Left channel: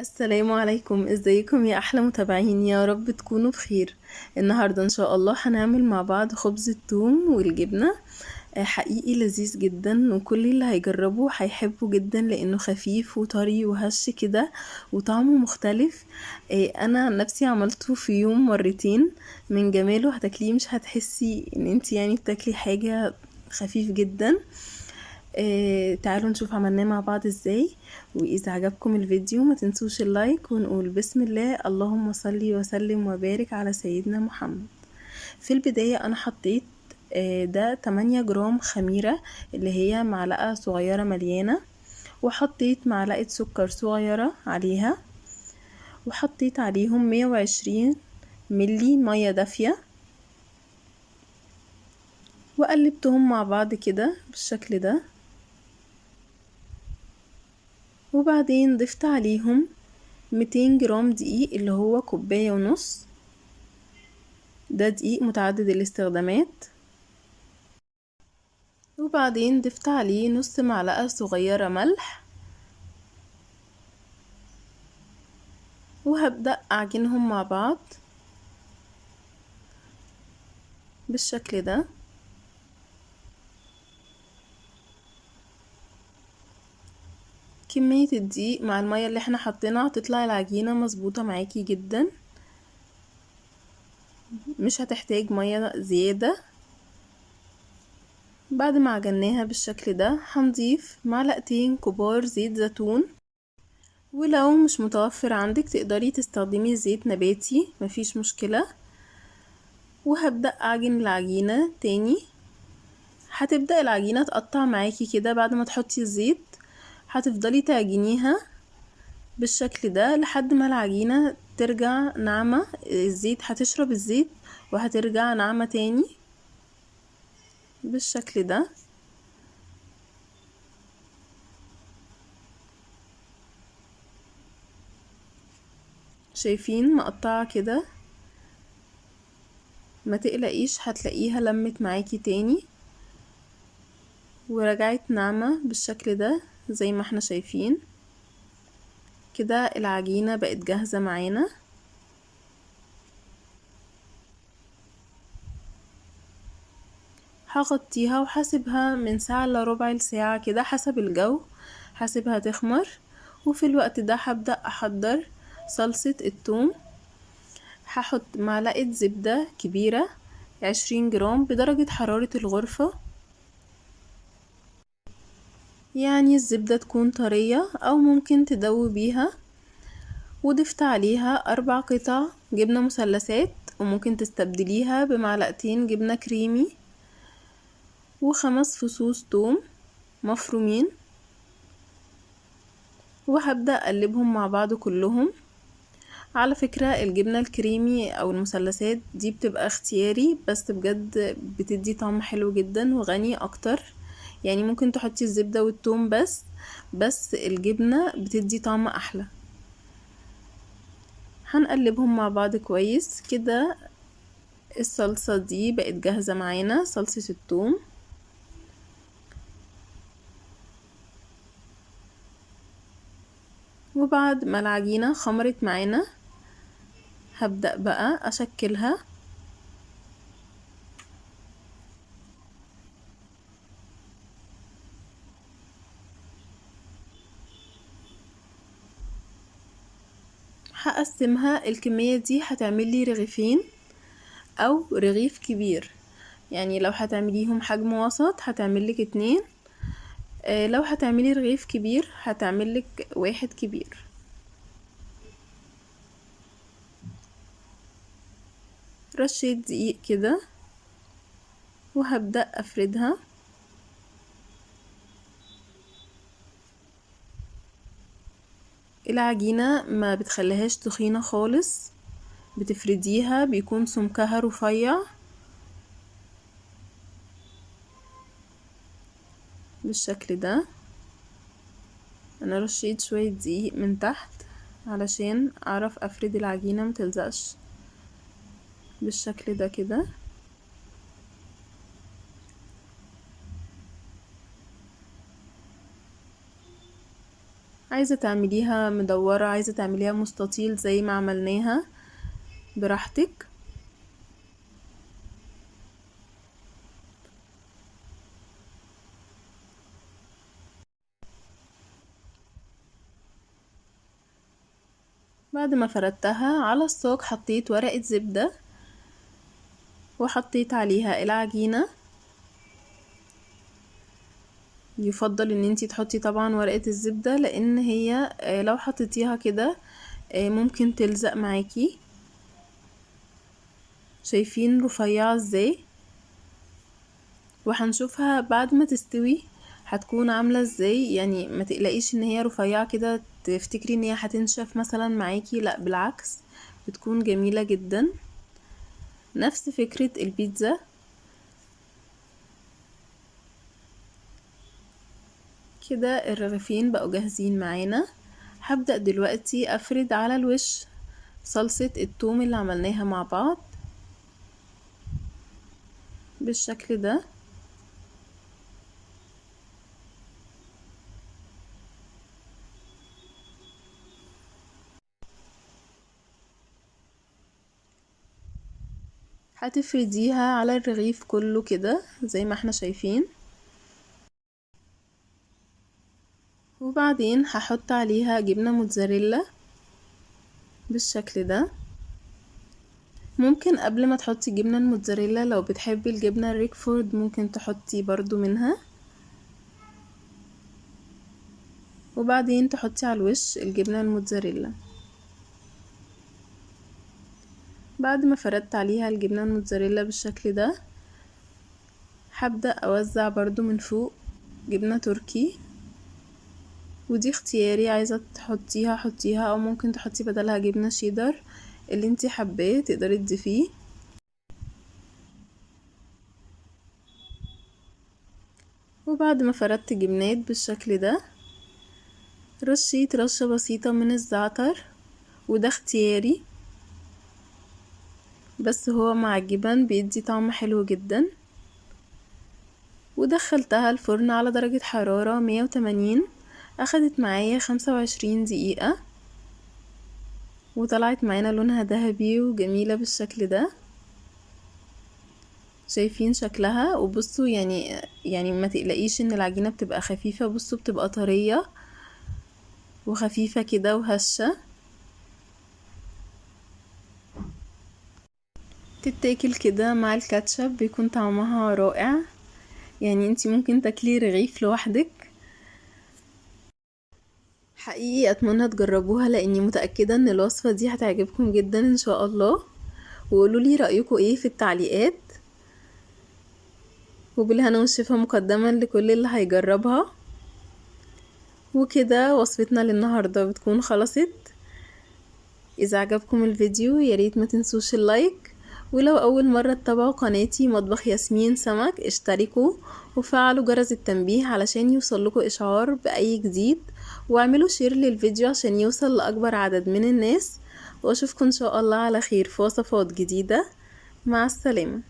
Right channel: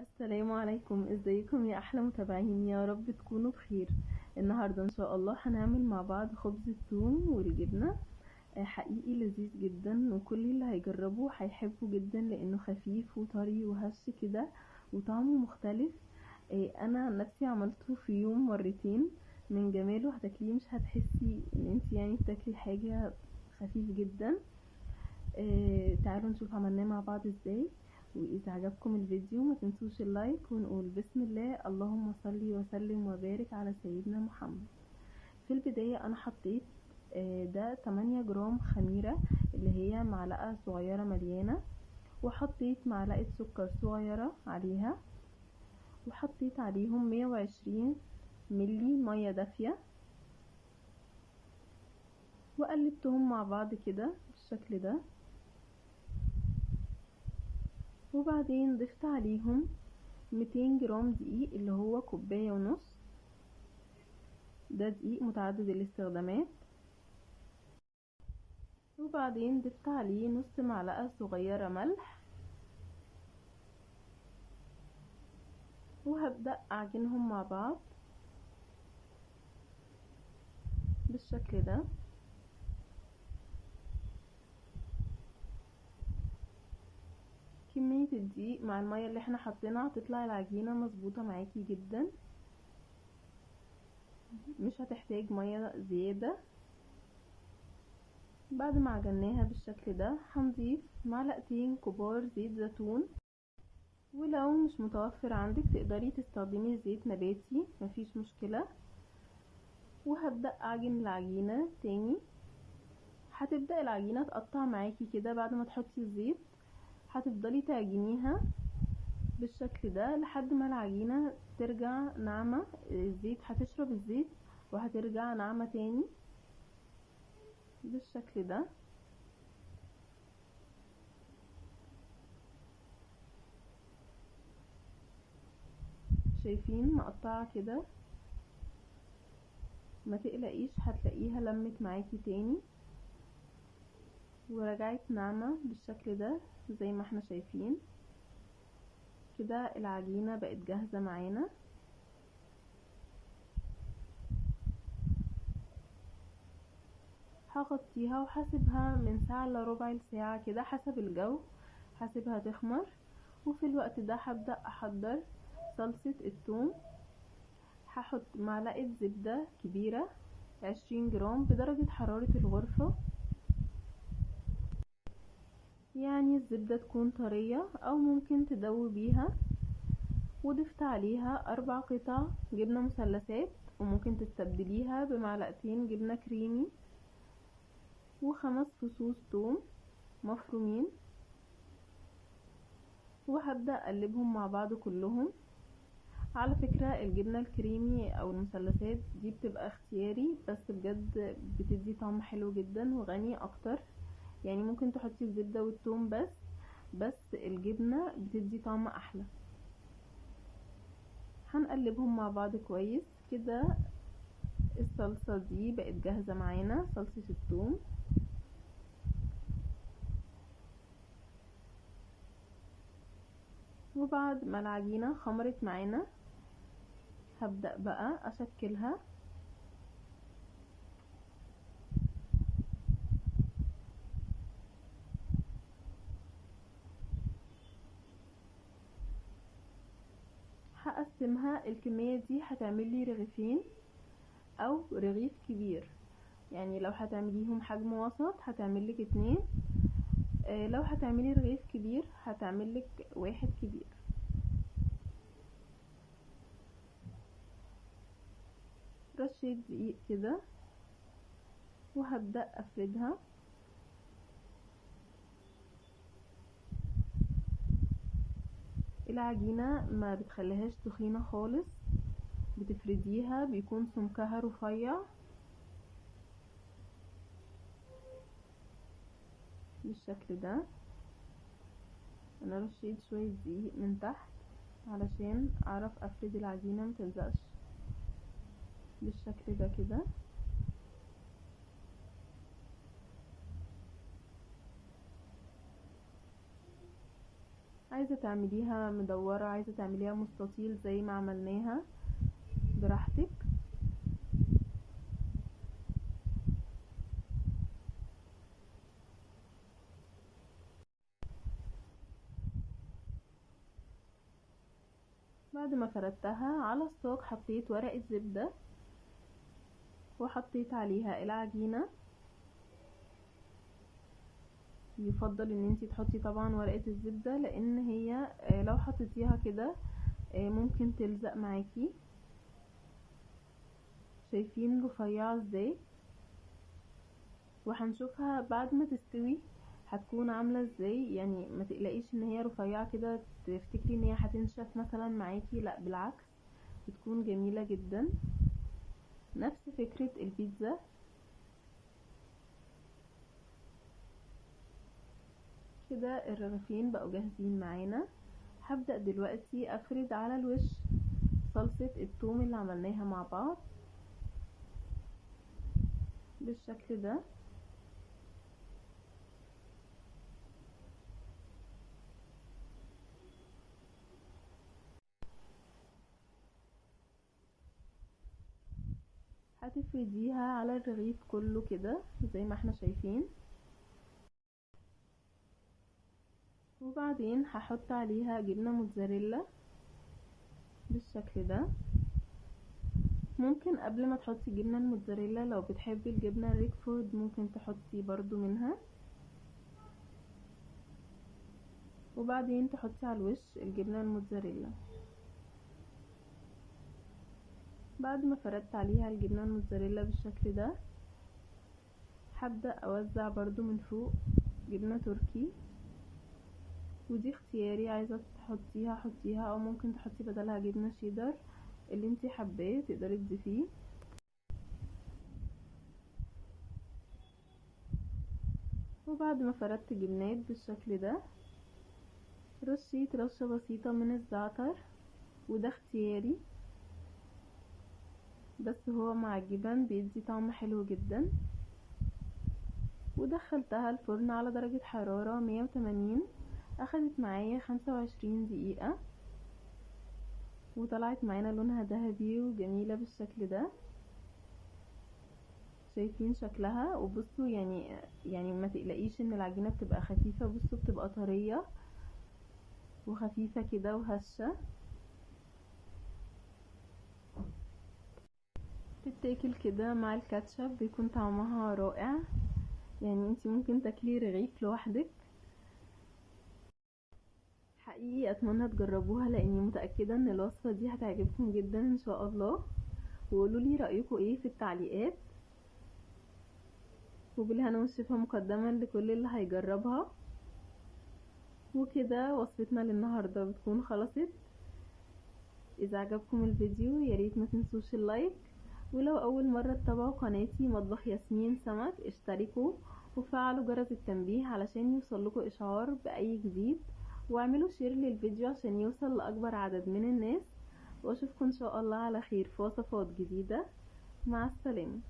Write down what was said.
السلام عليكم، ازيكم يا احلى متابعين؟ يا رب تكونوا بخير. النهارده ان شاء الله هنعمل مع بعض خبز الثوم والجبنه. حقيقي لذيذ جدا، وكل اللي هيجربه هيحبه جدا لانه خفيف وطري وهش كده وطعمه مختلف. انا عن نفسي عملته في يوم مرتين. من جماله هتاكليه مش هتحسي ان انت يعني بتاكلي حاجه. خفيف جدا. تعالوا نشوف عملناه مع بعض ازاي. واذا عجبكم الفيديو ما تنسوش اللايك، ونقول بسم الله اللهم صل وسلم وبارك على سيدنا محمد. في البداية انا حطيت ده 8 جرام خميرة، اللي هي معلقة صغيرة مليانة، وحطيت معلقة سكر صغيرة عليها، وحطيت عليهم 120 ملي مية دافية، وقلبتهم مع بعض كده بالشكل ده. وبعدين ضفت عليهم 200 جرام دقيق، اللي هو كوباية ونص. ده دقيق متعدد الاستخدامات. وبعدين ضفت عليه نص معلقة صغيرة ملح، وهبدأ أعجنهم مع بعض بالشكل ده. كمية الدقيق مع المية اللي احنا حطيناها هتطلع العجينة مظبوطة معاكي جدا، مش هتحتاج مية زيادة. بعد ما عجناها بالشكل ده هنضيف معلقتين كبار زيت زيتون، ولو مش متوفر عندك تقدري تستخدمي زيت نباتي، مفيش مشكلة. وهبدأ أعجن العجينة تاني. هتبدأ العجينة تقطع معاكي كده بعد ما تحطي الزيت. هتفضلي تعجنيها بالشكل ده لحد ما العجينة ترجع ناعمة. الزيت هتشرب الزيت وهترجع ناعمة تاني بالشكل ده. شايفين مقطعة كده؟ ما تقلقيش، هتلاقيها لمت معاكي تاني ورجعت ناعمة بالشكل ده زي ما احنا شايفين كده. العجينة بقت جاهزة معانا. هغطيها وهسيبها من ساعة لربع ساعة كده حسب الجو، هسيبها تخمر. وفي الوقت ده هبدأ أحضر صلصة الثوم. هحط معلقة زبدة كبيرة 20 جرام بدرجة حرارة الغرفة، يعني الزبدة تكون طرية أو ممكن تدوبيها. وضفت عليها 4 قطع جبنة مثلثات، وممكن تستبدليها بمعلقتين جبنة كريمي، و5 فصوص توم مفرومين. وهبدأ أقلبهم مع بعض كلهم. على فكرة الجبنة الكريمي أو المثلثات دي بتبقى اختياري، بس بجد بتدي طعم حلو جدا وغني أكتر. يعني ممكن تحطي الزبدة والثوم بس الجبنة بتدي طعم أحلى. هنقلبهم مع بعض كويس كده. الصلصة دي بقت جاهزة معانا، صلصة الثوم. وبعد ما العجينة خمرت معانا هبدأ بقى أشكلها. هقسمها. الكمية دي هتعملي رغيفين أو رغيف كبير، يعني لو هتعمليهم حجم وسط هتعملك 2. لو هتعملي رغيف كبير هتعملك 1 كبير. رشة دقيق كده وهبدأ أفردها. العجينة ما بتخليهاش تخينة خالص، بتفرديها بيكون سمكها رفيع بالشكل ده. انا رشيت شوية دقيق من تحت علشان اعرف افرد العجينة متلزقش بالشكل ده كده. عايزة تعمليها مدورة، عايزة تعمليها مستطيل زي ما عملناها، براحتك. بعد ما فردتها على الصاج حطيت ورقة زبدة وحطيت عليها العجينة. يفضل ان انتي تحطي طبعا ورقة الزبدة، لان هي لو حطيتيها كده ممكن تلزق معاكي. شايفين رفيعة ازاي؟ وهنشوفها بعد ما تستوي هتكون عاملة ازاي. يعني ما تقلقيش ان هي رفيعة كده تفتكري ان هي هتنشف مثلا معاكي، لا بالعكس، بتكون جميلة جدا، نفس فكرة البيتزا. كده الرغيفين بقوا جاهزين معانا. هبدأ دلوقتي افرد على الوش صلصة الثوم اللي عملناها مع بعض بالشكل ده. هتفرديها على الرغيف كله كده زي ما احنا شايفين، وبعدين هحط عليها جبنة موتزاريلا بالشكل ده. ممكن قبل ما تحطي جبنة الموتزاريلا لو بتحبي الجبنة الريكفورد ممكن تحطي برضو منها، وبعدين تحطي على الوش الجبنة الموتزاريلا. بعد ما فردت عليها الجبنة الموتزاريلا بالشكل ده هبدأ اوزع برضو من فوق جبنة تركي، ودي اختياري، عايزة تحطيها حطيها او ممكن تحطي بدلها جبنة شيدر، اللي انتي حباه تقدري تضيفيه. وبعد ما فردت جبنات بالشكل ده رشيت رشة بسيطة من الزعتر، وده اختياري بس هو مع الجبن بيدي طعم حلو جدا. ودخلتها الفرن على درجة حرارة 180، اخدت معايا 25 دقيقة وطلعت معانا لونها ذهبي وجميلة بالشكل ده. شايفين شكلها؟ وبصوا يعني ما تقلقيش ان العجينة بتبقى خفيفة، بصوا بتبقى طرية وخفيفة كده وهشة، تتاكل كده مع الكاتشب بيكون طعمها رائع. يعني انتي ممكن تاكلي رغيف لوحدك. حقيقي اتمنى تجربوها لاني متأكدة ان الوصفة دي هتعجبكم جدا ان شاء الله. وقولولي رأيكم ايه في التعليقات، وبالهنا والشفا مقدما لكل اللي هيجربها. وكده وصفتنا للنهاردة بتكون خلصت. اذا عجبكم الفيديو ياريت ما تنسوش اللايك، ولو اول مرة تتابعوا قناتي مطبخ ياسمين سمك اشتركوا وفعلوا جرس التنبيه علشان يوصلكوا اشعار باي جديد، واعملوا شير للفيديو عشان يوصل لاكبر عدد من الناس. واشوفكم ان شاء الله على خير في وصفات جديدة. مع السلامة.